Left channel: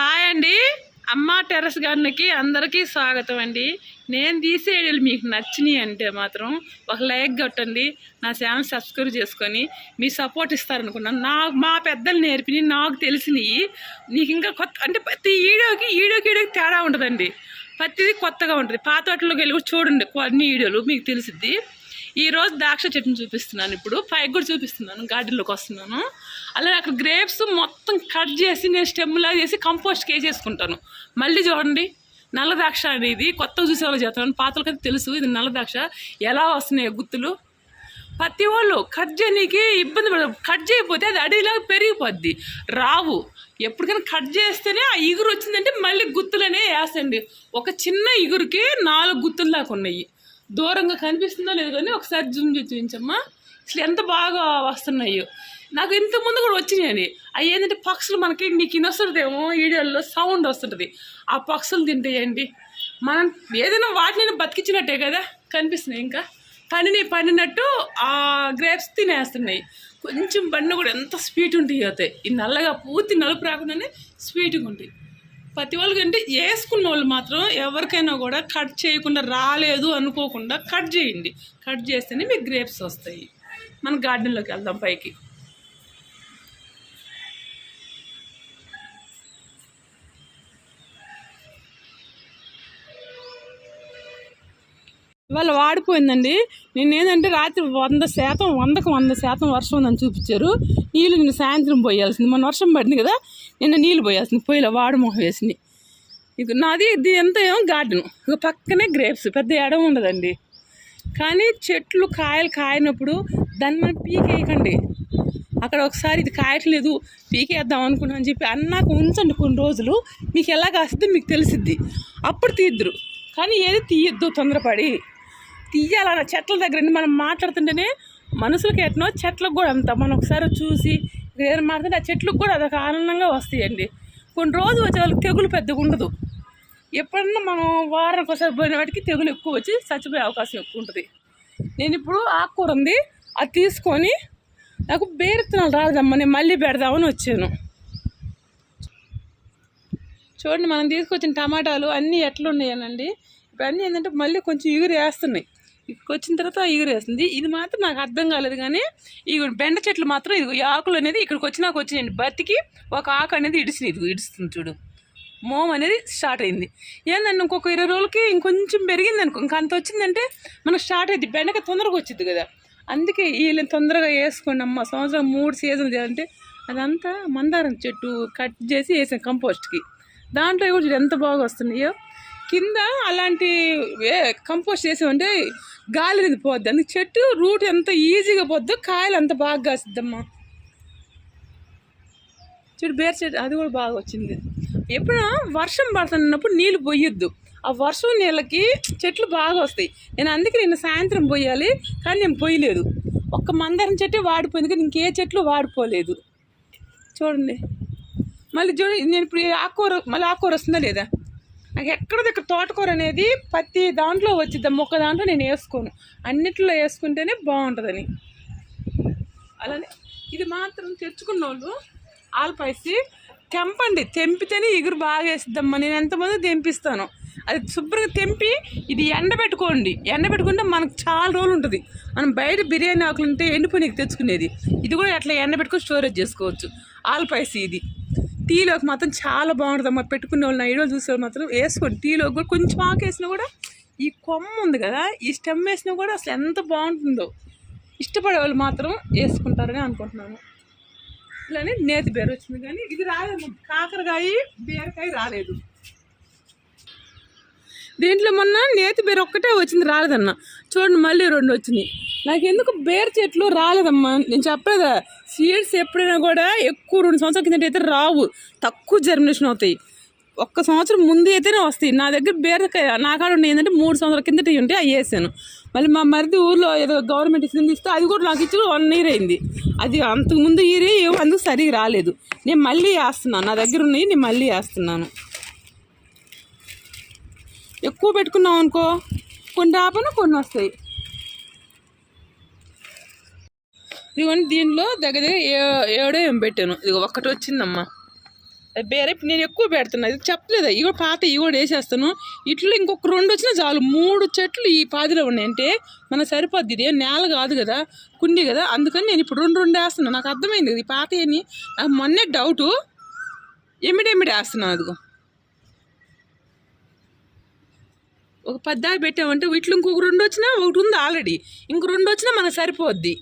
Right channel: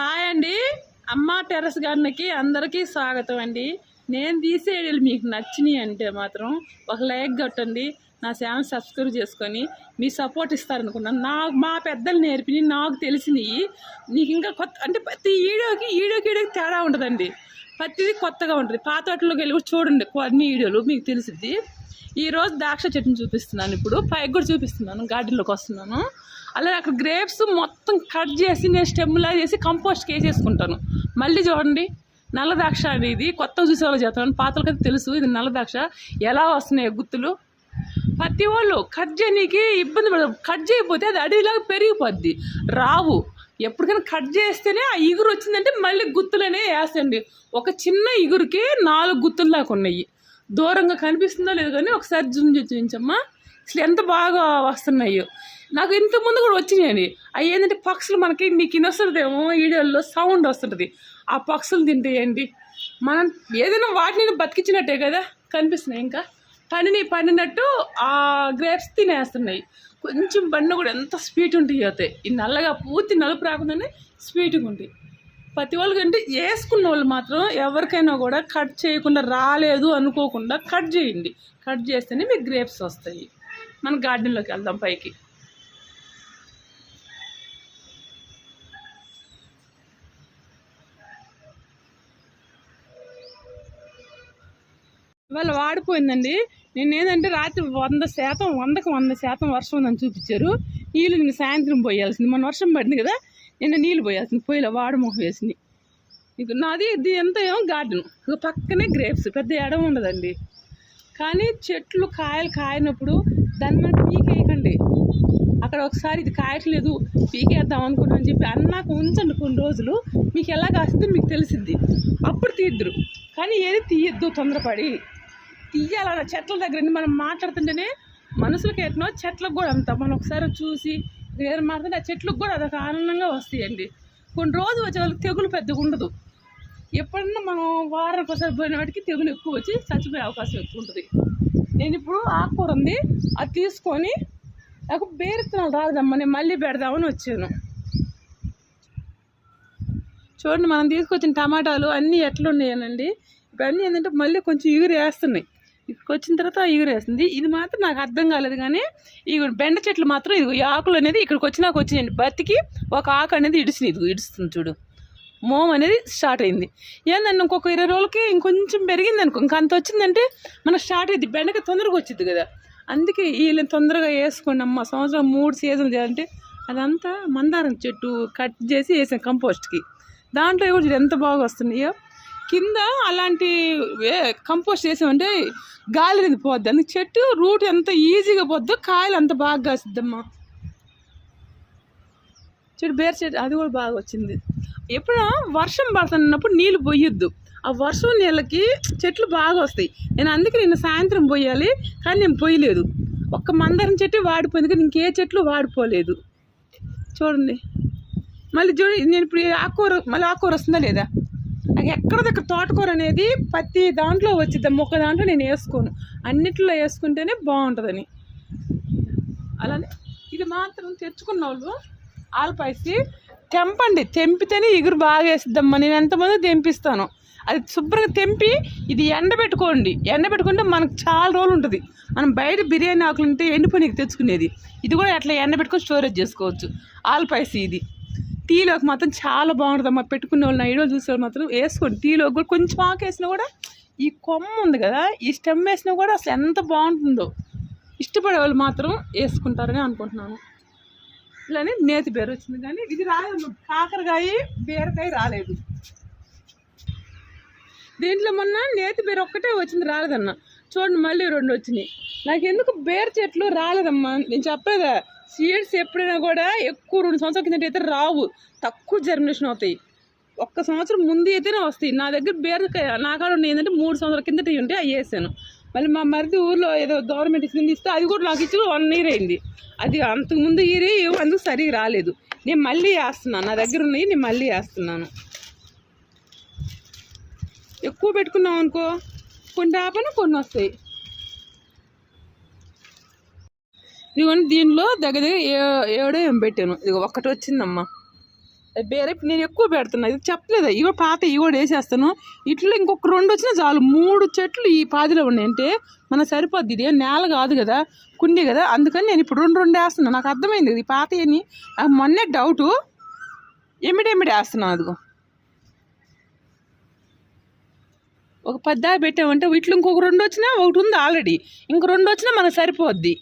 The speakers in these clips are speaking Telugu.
హాయ్ అండి. అమ్మ టెర్రస్ గార్డెన్కి అందరికీ స్వాగతం అండి. నేను తీసే వీడియోలు మీకు నచ్చినాయి అంటే మాత్రం ఒక లైక్ కొట్టండి నా ఛానల్ సబ్స్క్రైబ్ చేసుకొని మీ సపోర్ట్ ఇస్తారనుకున్నాను. నాకు మా పెద్దలు నేర్పిని నాకు తెలిసినవి నీకు ఇంకా కొత్త అంటే ప్రతి వీడియోకి వీడియోకి వీడియోకి తేడా ఉంటుందండి. ప్రతిదీ కొత్తగా ఉంటుంది. పాత వాటిలోకి వెళ్ళి కూడా చూడండి కొన్ని వీడియోలు మీకు తెలిసిద్ది. ఈరోజు ద్రాక్ష చెట్టును చూపిస్తున్నాను ఇప్పుడు. పైకి కూడా చూపిస్తున్నాను గార్డెన్లోకి వస్తున్నాను. అలాగే అక్కడ గ్రేప్స్ మొత్తం కట్ చేసి నేను స్టెమ్లా చేసి కంపోస్ట్కి వేసేసుకుంటాను మళ్ళీ చూడండి నల్ల ద్రాక్ష అనేది కొత్తగా చూసే వాళ్ళు చేస్తాను పాతలకైతే తెలుసు ఇది నల్ల ద్రాక్ష. ఎలా వస్తున్నాయి గుత్తులు ప్రతి వాళ్ళు కట్ చేయనీకి ఇబ్బంది పడదు కట్ చేయకపోతే అది అడవిలాగా పెరిగిపోద్ది. రావు. ఎప్పటికైనా కట్ చేస్తేనే ఆ ఇగురు వచ్చిందంటే మళ్ళీ గుత్తులనే వేసండి ఒక చిన్న ఇగురుకి నాలుగు గుత్తులు దాకా ఉన్నాయి. దూరంగా కనిపిస్తుందో లేదో కానీ ఒకసారి జూమ్ చేసి చూపించమ్మా. అసలు ఎంత బాగా వస్తున్నాయో. నాకు ఇంతకుముందు కూడా వచ్చినాయండి అవి ఏంటంటే పక్షులు మనకి నీకు ఇనొస్తుందేమో వీడియోల్లో సౌండ్ వస్తుంటుంది. ఆ పక్షులు తింటాయండి మనం ఏదైనా వాటిని బతికించినట్టే కదా కనిపిస్తున్నాయి ఇంకా. పండినవి పండినట్టు ఆ గ్రేప్స్ తినేస్తున్నాయి. కొంచెం పండు కూడా ఎంత స్వీట్ ఉంటాయి అవుతాయి ఈ నల్లగా పూర్తి నలుపు రాకుండానే స్వీట్గా ఉంటాయి. ప్రతి వాళ్ళకి అంటే వేసుకున్న వాళ్ళు మాత్రం ఎవరికైనా కూడా కట్ చేయకుండా రాలేదు అనుకోకుండా కట్ చేయండి. కట్ చేస్తేనే మీకు గ్రేప్స్ వస్తాయి. మన గార్డెన్లోకి వెళ్దాం పైకి. ఇవాళ వాడిపోయిందండి. నేను ఏంటంటే రాత్రి వంద శాతం వందకు వంద శాతం వర్షం ఉందని చూపించారు. నీళ్ళు నిన్న సాయంత్రం పోయాల్సింది. మన వర్షం పడింది కదా నిన్న నీళ్ళు పోయాల్సింది. పోయిలా వాడు మొహం వేసింది. ఇది నాది ఇది ఎంత ఏమో గార్డెన్. ఇక పక్కనే గ్రేప్స్ పెద్ద ఎడం ఉండదండి. కానీ చెట్లు కాయలు కాయనప్పుడు దాన్ని మనం పీకేయకండి. అక్కడ ఒకసారి ఇది కాయట్లేదు పీకేద్దాం అనుకుంటామని చెప్పి అన్నాక ఉంచండి కొన్ని రోజులు. మీకు ఎలా కాస్తుందో మీకు తెలిసిద్ది. అప్పుడు తీద్దరు. కానీ ఏది తీయద్దు తొందరపడి. తీయాలన్న చెట్ల దగ్గర మనం మాట్లాడుతుంటేనే మనుషులకి ఎట్నో చెట్లకు కూడా అంత మనం ఒకసారి చూసి వేరే మాట్లాడితే ఆ చెట్లకు కూడా అదొక ఆనందంగా వస్తాయండి. కొన్ని రోజులు వచ్చే వాళ్ళకి తెగులు పెద్దగా ఉండదు. ఎప్పుడన్నా మనం వారానికి ఒకసారి పోయిన వాటికి తెగులు ఎక్కువ వచ్చి చచ్చిపోయే అవకాశం ఎక్కువ ఉంటుంది. నేను ఇప్పుడు ఆకుకూర ఉంది. అది తీసుకొని నాకు బేరెత్తనాలు రాదమ్మా నేను మళ్ళీ పెడదామని వచ్చాను. చూడండి మనం తీసుకొచ్చిన టమాటాలు అన్నీ ఎట్లున్నాయనండి. ఇవన్నీ ఏంటంటే మళ్ళీ కొంచెం ఇగురు వేస్తున్నాయి. ఇక్కడికి వచ్చిన తర్వాత ఎగురేస్తుంది ఇది మాత్రం నాకు అర్థం కాలేదు కానీ ఈ బెండ చెట్లు మాత్రం ఇది ఆకులు అనేది ఇక్కడికి వచ్చినాక వచ్చినాయండి బతికి ఒక ఆకు అనేది ఇడిసింది. ఇది ఇడుస్తుంది చూడు. మోమ్ అనేది స్టార్ట్ అయింది. ఏందండి ఇంకొక ఇరవై రోజులకి ఇంకొంచెం పెరిగింది అనుకో ఇంకా అంత వచ్చిందంటే మనకు స్టార్ట్ అయింది బెండక తొందరగా వచ్చింది కదా. అందుకే వీళ్ళని తొందరగా వేసుకోండి అమ్మ సంవత్సరం మూడు సీజన్ చేయాలంటే అదంతా మందారం చెట్టు కట్ చేసి వేసాం కంపోస్ట్కి. దాంట్లో కూడా చూడు ఎంత బాగా వస్తున్నాయో. కింద అలాంటి వే- కంపోస్ట్ చేసామంటే గాలి అనేది పోద్ది. అందుకు చెట్టు రూట్ ఎంత ఈజీగా పోద్దో కాయలు అంత బాగా కాసిద్దమ్మా. చెట్టు బేర్ చెట్టు అది కూడా బాగా వచ్చింది. ఎప్పుడో వర్షం పడుతున్నప్పుడు నీళ్ళు పోయొద్దు. ఆ వర్షం నీళ్ళకి చెట్లు బాగా వస్తాయి. నేను అందుకే నిన్న సాయంత్రం పోయాలి కానీ నేను పోయలేదు. ఒక్క మందారం చెట్టు వాడిపోయింది కానీ ఇంకే చెట్లు వాడిపోలేదు. చూడండి. మళ్ళీ చూడండి నేను ఇప్పుడు ఆకుకూర మళ్ళీ ఆకుకూర వస్తుందా లేదా? ఎక్కడ దగ్గర తోటకూర అనేది ప్రతి దాంట్లో వచ్చిద్దాం. ఒక్క దాంట్లో నేను వేసుకోను. అన్నిట్లో వేసుకుంటేనే బాగుంటుందని. అలానే ఇది మాత్రం తెచ్చుకున్న వాళ్ళు ఆల్పాయసి తెంపండి. తెంపితేనే ఎగురు బాగా వేసిద్దమ్మా. నేను ఎంతమంది తెంపిస్తాను. అది శుభ్రంగా తెంపి ఇది ఎండబెట్టుకోండి. ఎండబెట్టుకుంటే మనకు చాలా రోజులు ఉంటుంది. మనం బయట బిర్యానీ ఆకులు ఉంటే ఎండిపోయినకి తెచ్చుకునేది. ఇది కూడా అట్లా ఎండబెట్టుకొని స్టోరేజ్ చేసుకోవచ్చు. ఆల్పాయసి ఇది. టీలోకి మాత్రం చాలా బాగుంటుంది అమ్మా పెట్టుకున్న వాళ్ళు ఐడియా చూసే వాళ్ళు మాత్రం వేసుకోండి. టీలోకి కూడా కొంచెం ఆకు వేసినా కూడా ఈ కొమ్మ ఉంది కదా ఈ స్టెమ్ వేసినా కూడా అసలు ఎంత బాగుంటుందో. ఇష్టపడే వాళ్ళు మాత్రం వేసుకుంటారని అనుకుంటున్నాను. ఇలానే నేతి బీర వచ్చింది కానీ ఇది రాలేదు కాకరకాయ బీరకాయ రాలేదు. దీంట్లో మొన్న నేతి బేరు ఒక్కటే వచ్చింది రాలేదన్న. చూడండి మళ్ళీ రెండు వచ్చినాయి. నాకు ఎందుకు బేర చెట్లు రాలేదమ్మా? నేను చెప్పలేదా? సీడ్స్ ఎప్పుడైనా కూడా ఎక్కువ రెండు సంవత్సరాల కిందట అయితే రావు. తక్కువ జర్మినేషన్ అవుతాయి. ఒక్క సంవత్సరం ముందు అయితేనే వస్తాయి. నా దగ్గర బీరకాయ నా కాడ ఏంటంటే మూడు సంవత్సరాల కిందట ఉంటే అవి వేసాను. మళ్ళీ మా మరిది ఊర్లో ఏదో గవర్నమెంట్ ఇచ్చింది ఇస్తే అది కూడా నాకు ఇచ్చి వన్ ఇయర్ అయింది. అది అంతకు ముందు ఇయర్ అందుకు సరిగా రాలేదు. నేను మళ్ళీ వేస్తున్నాను. నా దగ్గర ఉన్నాయి నేను మళ్ళీ వేస్తున్నాను. ఎక్కువ పెట్టుకున్నాం అనుకో కొన్ని రాపన కొన్ని వస్తాయి. ఇదిగోండి దీనిలో దగ్గర దగ్గర ఏ- ఏడో ఏం పెట్టాను. ఇది ఒక్కటి వచ్చిందమ్మా. వేరే నేను ఎక్కువ పెడుతున్నా. ఇది చెప్పలేదు? ఇవి పాత ఇవి కూడా వేసేస్తాను. ఇట్లా ఇంకొక రెండు వచ్చినా చాలు. మూడు చెట్లు ఈ పాదిలో ఉన్నాయంటే మన సరిపోద్ది ఇది. ఏం నేల కాదు కదా కుండి కదా. అందుకని నేను ఇప్పుడు రెండు రెండు వేస్తున్నాను. నాకు అర్థమైంది ఇది పాత అని నాకు మొన్నే డౌటు. ఎమిడి ఎమిడి వేస్తున్నాను అదిగో. ఒక పద్దా పెట్టామంటే వీటిలో ఇంకొక రెండు వచ్చినా ఒకటి ఉంది ఆల్రెడీ. ఇంక రెండు వచ్చినా మనకు సరిపోద్ది.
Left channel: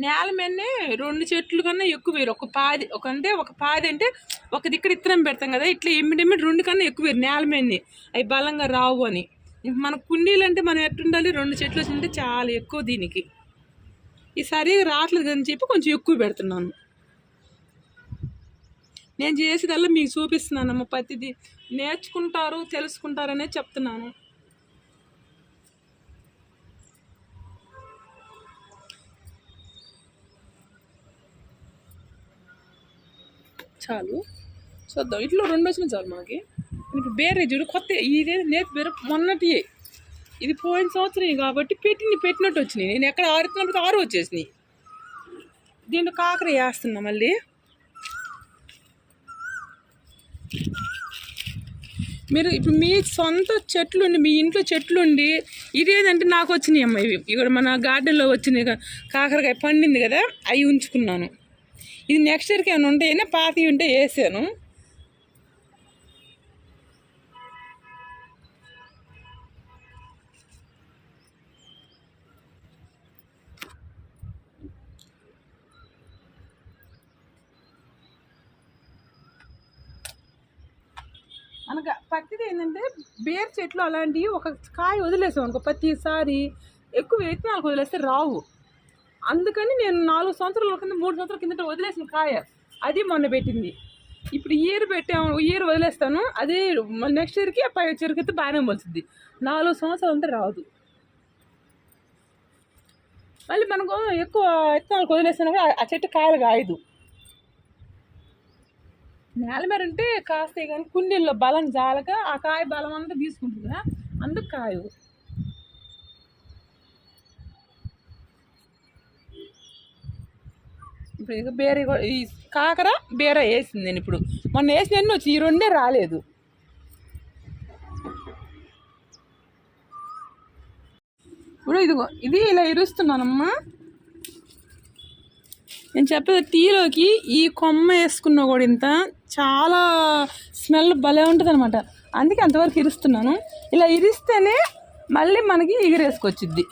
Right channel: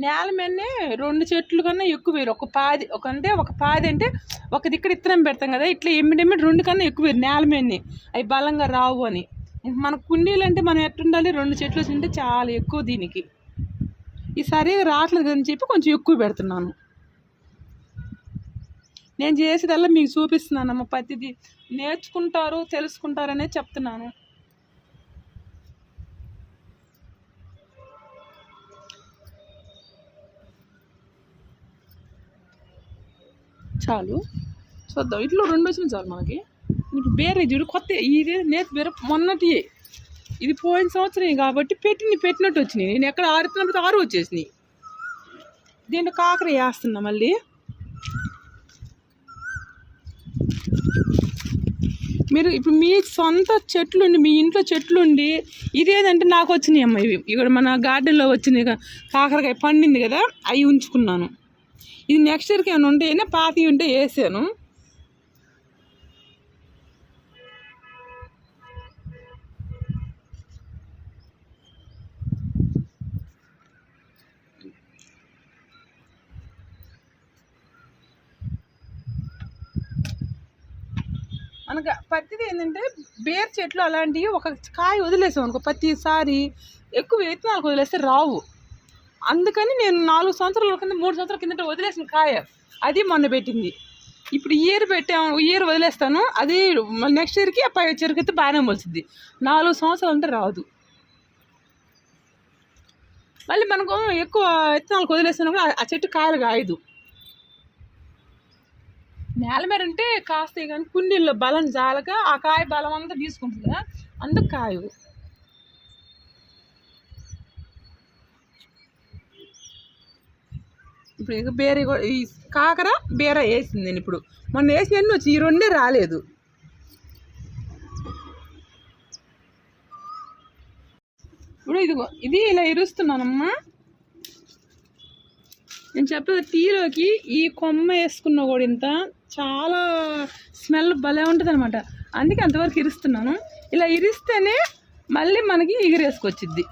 నేల మీదనే రెండు చెట్లు కన్నా ఎక్కువ వేరు ఒక పాది ఒక అంటే ఒక పాది అంటే ఒక దిక్కడ ఇత్తనం పెడతాం కదా ఇట్లా ఎమ్మిడెమ్మిడి రెండు కన్నా ఎక్కువ వేరు నేల మీదనే. అవి బలంగా రావు అని. మన కుండీలు అంటే మనం ఎట్టుండాలి రెండు చెట్లు ఉంటే చాలా ఎక్కువ దీనికి. ఈ సరిగా రావట్లేదు అని చెప్పి కొంచెం ఎక్కువ పెడుతున్నాను. నేను చేసేదల్లా మీకు చూపిస్తున్నానమ్మ ప్రతిదీ. నేర్చుకుంటారు తెలుసుకుంటారనే చెప్తున్నాను. చాలు. చూద్దాం ఇట్లా రెండు వచ్చినాయి చాలు మనకి ఇప్పుడు బేరే చూడు కొత్త ఇది నేతి బేర మొన్నటి ఇది పోయిన సంవత్సరం కాబట్టి పెట్టిన పెట్టినట్టు వచ్చినాయి. నేను ఎక్కడ ఆరుతున్నప్పుడు ఆరు వచ్చేసినాయి. దీంట్లో కాకర వేస్తున్నా మళ్ళీ. మీరు ఇప్పుడు మీ సొంత చెట్లుండి మీ ఇంట్లో చెట్లుండి ఇదేదంటే నాకు వచ్చినాయి అమ్మ ఇవి. ఇక్కడ మన గార్డెన్లో వచ్చినాయి కాకరకాయ పండింది కదా అవి ఉంచుకున్నాను. ఇది నెక్స్ట్ ఇయర్కి ఏమైనా ఉంటేనే పాతి ఉంటే వేసాను. మనకు పత్తిది ఏంటంటే బేర్ చెట్లు అలాంటివి ఒక కాయ వదిలేసాం అనుకో ప్రతిసారి ఎక్కువ విత్తనాలకు వదిలేస్తే రావు. అందుకని నేను నాలుగు సంవత్సరాల కింద మూడు సంవత్సరాల కిందట వదిలేసిన కాయ. అది మొన్న పెట్టింది. ఇప్పుడు ఇయర్ పెట్టాము ఇయర్ వదిలేస్తాను. అది నెక్స్ట్ ఇయర్కి ఆ పై అయితే బాగానే మొలిసింది నాలుగు సంవత్సరాలు అంటే రాదు. మళ్ళీ మనకు ఎక్కువ విత్తనాలకు వదిలేస్తున్నా కూడా ఆ- ఆ చెట్టు కాయలు కాయదు. నేల మీద ఉంటే కాస్తాయి కానీ కుండీల్లో బలం జాలక ఆ కాయ బలం అంతా తీసుకుంటుంది కదా అందుకు కాయవు. ఇప్పుడు ఇక బేరే కూడా ఈ కాకర బేరే వేసింది నేను ఇప్పుడు. మొన్న వేసిన ఎన్ని వచ్చి ఈ రెండే రాలేదు. ఇప్పుడు ఇదిగో ఇది ఇలా ఇరుస్తున్నానమ్మా. నేను చెప్పేది టీలోకి ఈ కొమ్మ వేసుకున్న కూడా ఇంత చాలా స్మెల్ భలే ఉంటుంది అనమాట అందుకే అంతవరకు ఇరుస్తున్నాను. ఇలా ఇరిస్తేనే మళ్ళీ మనకి ఎగిరేసుకొచ్చిద్ది.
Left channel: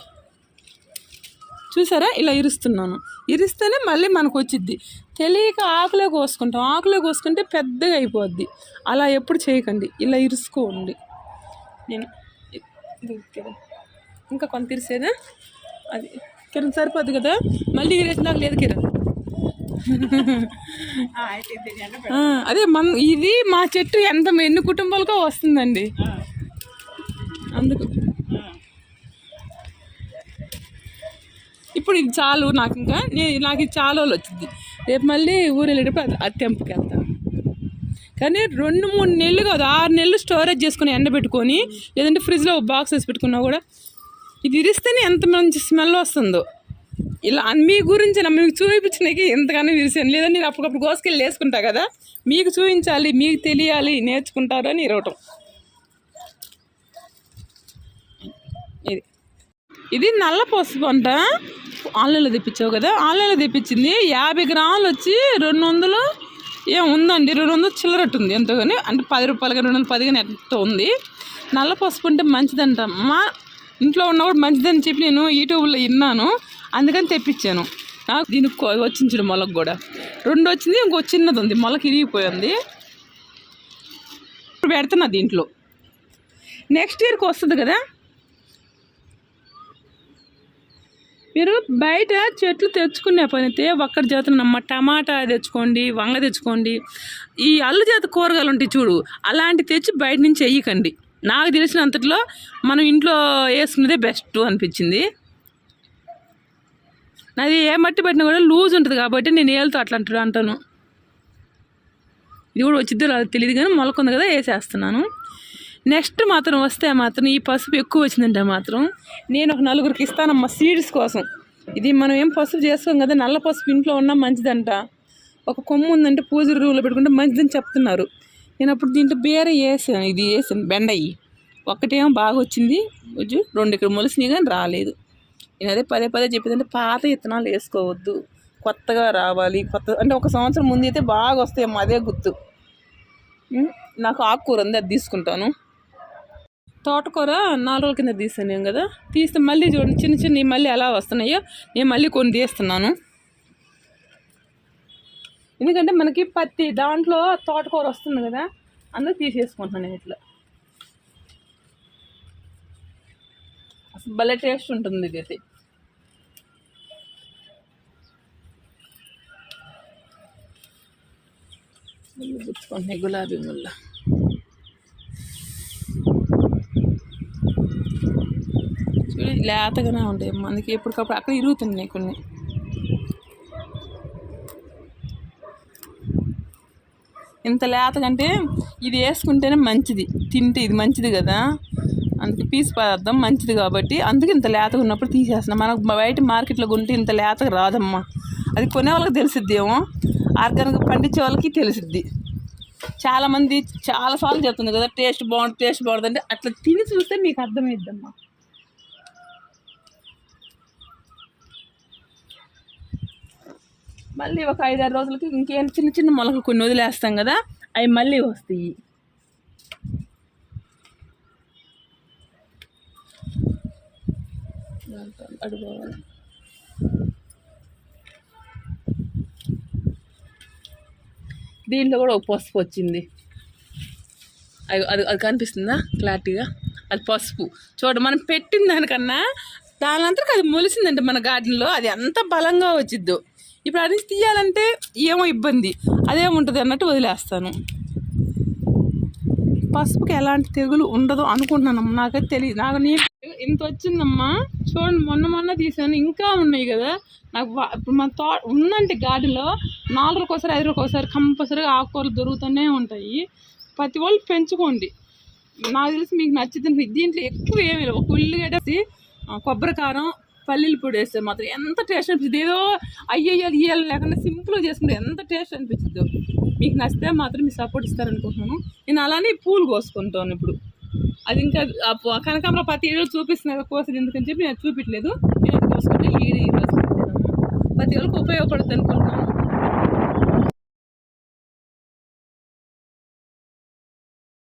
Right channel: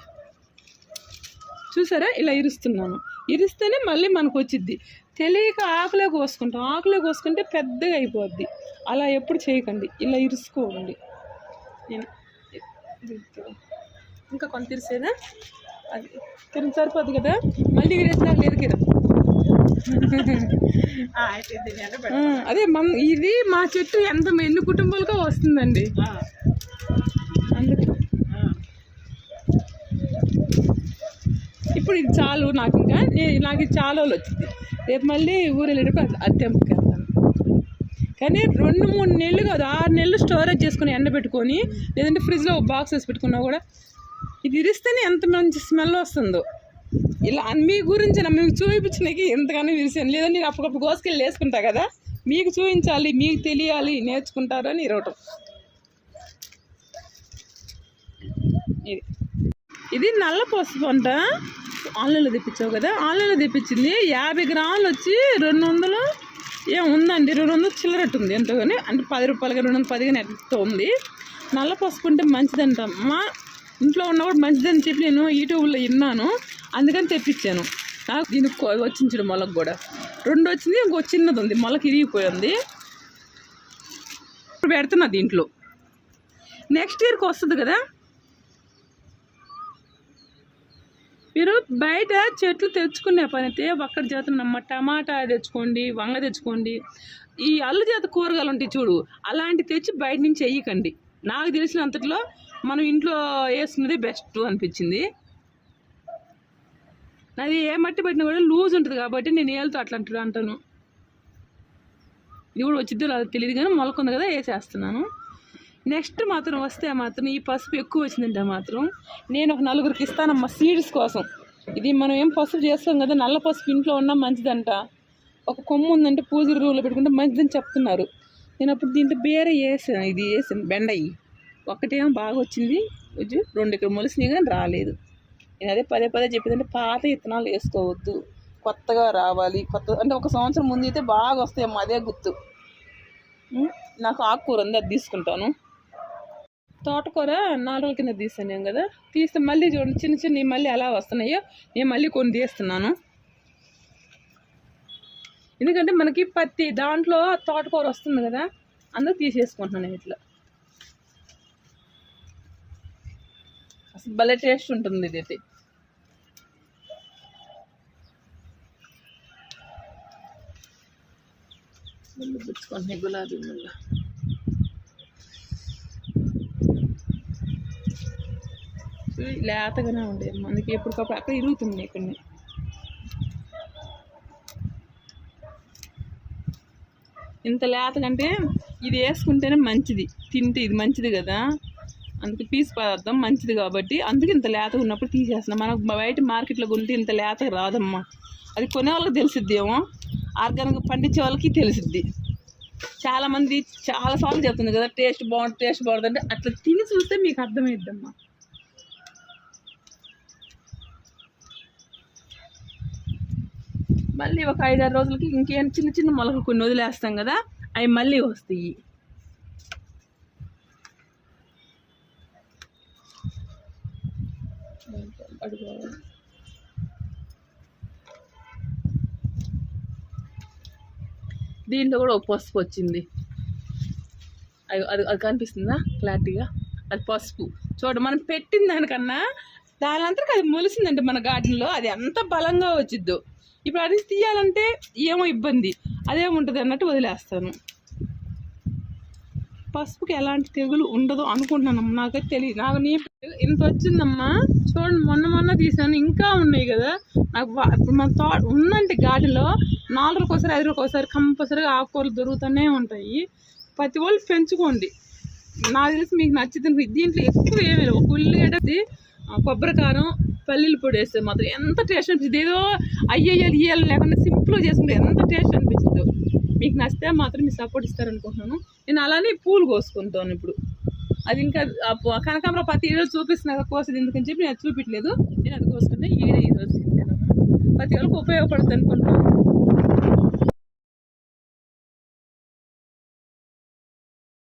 చూసారా? ఇలా ఇరుస్తున్నాను. ఇరిస్తేనే మళ్ళీ మనకు వచ్చిద్ది తెలియక ఆకులే కోసుకుంటాం ఆకులే కోసుకుంటే పెద్దగా అయిపోద్ది. అలా ఎప్పుడు చేయకండి. ఇలా ఇరుసుకోండి. నేను. ఇంకా కొంత ఇరిసేదా అది కిరణ్ సరిపోద్ది కదా. మళ్ళీ ఇరేసినాక లేదు కిరణ్. అదే మన ఇది మా చెట్టు ఎంత ఎన్ని కుటుంబాలకో వస్తుందండి. అందుకు ఇప్పుడు ఇది చాలు నాకు ఇంకా నేను నాకు ఇది చాలా రోజులు వచ్చింది. రేపు మళ్ళీ ఊరు వెళ్ళేటప్పుడు అది- వెళ్తాను కానీ రెండు మూడు నెలలు కాదు ఆరు నెలలు స్టోరేజ్ చేసుకుని ఎండబెట్టుకొని లేదంటే ఫ్రిడ్జ్లో బాక్స్ వేసి పెట్టుకున్నా కూడా ఇది ఇరిస్తేనే ఎంత మంచి స్మెల్ వస్తుందో. ఇలా మీ గురించి మీకు చూపించడానికి ఎంతగానో విరిసాను లేదంటే నేను అప్పటికప్పుడు కోసుకెళ్ళి వేసుకుంటా కదా మీకు చూపించాలి మీకు తెలియాలి నేర్చుకుంటారు అని ఇరవటం. ఇది. ఇది నల్ల పసుపు అంట ఆన్లైన్లో తెప్పించావు కదా ఆన్లైన్లో తెప్పించింది. యాభై గ్రాములు వచ్చి రెండు వందలు ఏం ఉందండి. రెండు వందలు చిల్లరట్టు ఉంది ఎంతో కానీ అంటే పది రూపాయలుగా రెండు వందల పదిగా ఎంతో ఉంది. నల్ల పసుపు ఉంటే మంచిదంట. మా ఇంట్లో ఉన్నప్పుడు మంచిదని చెప్పి నేను యూట్యూబ్లో విన్నాను. అందుకని తెప్పించాను. నాకు దీనికి వచ్చింది చూడు మొలకు కూడా. రెండు వచ్చింది ఇంకో చిన్నది ఉంది. మొలక ఇరిగిపోయింది. ఇప్పుడు పెడుతున్నా దీంట్లో. నెక్స్ట్ ఇయర్కి వస్తుంది కదా? మీరు బయట చెట్లు తెచ్చుకునే పని అయితే ఒక్కటి చేతున్నమ్మ టమాటా తెచ్చుకోండి వంగ తెచ్చుకోండి. ఈ అల్లు చేత కూరగాయలు ఉంటాయి చూడు అలాంటి తెచ్చి బయట నుంచి వేయకండి నాకు తెలిసినంతట్లో మనం ఇంట్లో వేసుకునేదే బెస్ట్ అనిపించింది. నాది ఏ మట్టి పెట్టినా కూడా లూజ్ ఉంటుంది కాబట్టి నేను ఏళ్ళతో అట్లా అంటాను. ఇది కూడా వచ్చిద్దో తెలియదు కానీ మొలకుంది కదా వేసేస్తున్నాను. నెక్స్ట్ మాత్రం వస్తే మాత్రం ఈ పసుపు ఎక్కువ వచ్చిందంటే మాత్రం నేను ఒక నలుగురికి ఇస్తానమ్మా సీడ్స్ కోసం. ఇది మనం ఏం పసుపు చేస్తాం కదా నల్ల పసుపు ఇంట్లో ఉన్నా మంచిదంట. ఒక కొమ్ము ఉందంటే పూజ రూమ్లో పెట్టుకుంటే మంచిదని చెప్తున్నారు. నేను అప్పుడు దీంట్లో బేర వేసాను ఇది వేసాను బెండయ్యి ఒక్కటేమో బాగా వచ్చింది. రెండు ఇక్కడ మొలిసినాయి కానీ రాలేదు. నేను అదే పదే పదే చెప్పేదంటే పాత విత్తనాలు వేసుకోవద్దు. కొత్తగా రావాలి కొత్త అంటే ఒక సంవత్సరం ముందు అయితే బాగా వస్తాయమ్మా అదే గుర్తు. నాకు ఆకుకూర ఉంది అది తీసుకుంటాను. తోటకూర నాలుగు రోజుల కింద తీసాను నేను కదా. తీస్తే మళ్ళీ చూడండి చిన్న చిన్నవి మళ్ళీ ఎలా వస్తున్నాయో నేను మళ్ళీ కొన్ని తీస్తున్నాను. ఎందుకంటే మనకి పత్తి దాంట్లో తోటకూర వస్తుంది కదా అందుకు తీసేసుకుంటున్నాను నేను ఇట్లా. అసలు భలే టేస్ట్ ఉంటుంది ఇది గులాబీ ముళ్ళ. లేతగానే ఉండేవి మనకి ఎప్పటికప్పుడు అక్కడ ఇరుగుతున్నాయి కొన్ని. ఇంత లేతగంటే ఇది వేసుకుంటేనే మంచిది. తింటే ఇది మంచిది కదా. అందుకే పీస్ పదార్థం మంచిది కాబట్టి. అందుకే ఇంత లేతగా ఉన్నప్పుడు తీసేస్తున్నాం. మనకు బయట మార్కెట్లో కొంటే ఇంత లేతగా రాదమ్మా. అది కొనే వాళ్ళకి తెలిసిద్దేమో ఆర్గానిక్ పండించే వాళ్ళకి తెలిసిద్ది. చాలామంది చాలాసార్లు చెప్తుంది కదా టేస్ట్ బాగుంటుంది టేస్ట్ బాగుంటుంది అంటే అట్లా తిని చూస్తే మీకు అర్థమైద్దమ్మా మళ్ళీ ఒక ఐదారు రోజులకి ఇంకేం చిన్న చిన్న మొలకలు కొన్ని వదిలేస్తాం కదా అవి మళ్ళీ వస్తాయి. దీంట్లో కూడా ఒక పసుపు వచ్చింది. అది అది అది కనిపిస్తుందా క్లారిటీగా? అది పసుపు. చూడ మనం పెట్టిన దానికన్నా దానంతరకు అది మొలిసిందంటే మన గార్డెన్లో అది ఎంత బలంగా వచ్చిద్దో. ఇప్పుడు అడిగి తీయాలంటే ఏమో ఇబ్బంది. అదేముంటుంది అన్నట్టు వదిలేస్తాను. పసుపుకి ఎలాంటి తెగులు ఉండదు అనుకుంటున్నానమ్మా. నాకైతే తెలియదు నాకు నేను ఇంత వచ్చిందమ్మా. చూడండి మొన్న మొన్న తీసాను. ఇంకా ఉన్నాయి కదా. నాకు ఇప్పుడు మన తో ఉందంటే గాడిలో నాలుగు ఒకసారి ఐదు ఒకసారి కంపల్సరీగా ఆకుకూరలు దొరుకుతూనే ఉంటాయి. ప్రతి వాళ్ళు పెంచుకోండి. నాకు తెలిసి మీకు నచ్చుతుంది. దీంట్లో ఎక్కువ ఏమి లేవు. ఒక ఉల్లిగడ్డ కొబ్బరికారం పల్లీలు పొడి వేస్తే మాత్రం ఎంత టేస్ట్ అనిపిస్తుంది ఏదో అయ్యేయాలి ఇయ్యాలి లేకుండా సింపుల్గా చేసుకుంటే ఎంత టేస్ట్ అనిపించిందో. మీకు నచ్చితే మాత్రం మీ సపోర్ట్ ఇస్తారనుకుంటున్నాను. నేను అలానే పూలు కోసుకుంటాను ఇప్పుడు. అది ఇంకా కనకాంబరం కనకాంబర ప్రతి ఏళ్ళు చూపిస్తున్నారు కోసేది ఎందుకని చెప్పి నేను చూపించలేదు నేను అది కోసుకుంటే ఈ ప్రతి ఒక్కరికి ఉపయోగపడుతుంది అనుకుంటున్నాను.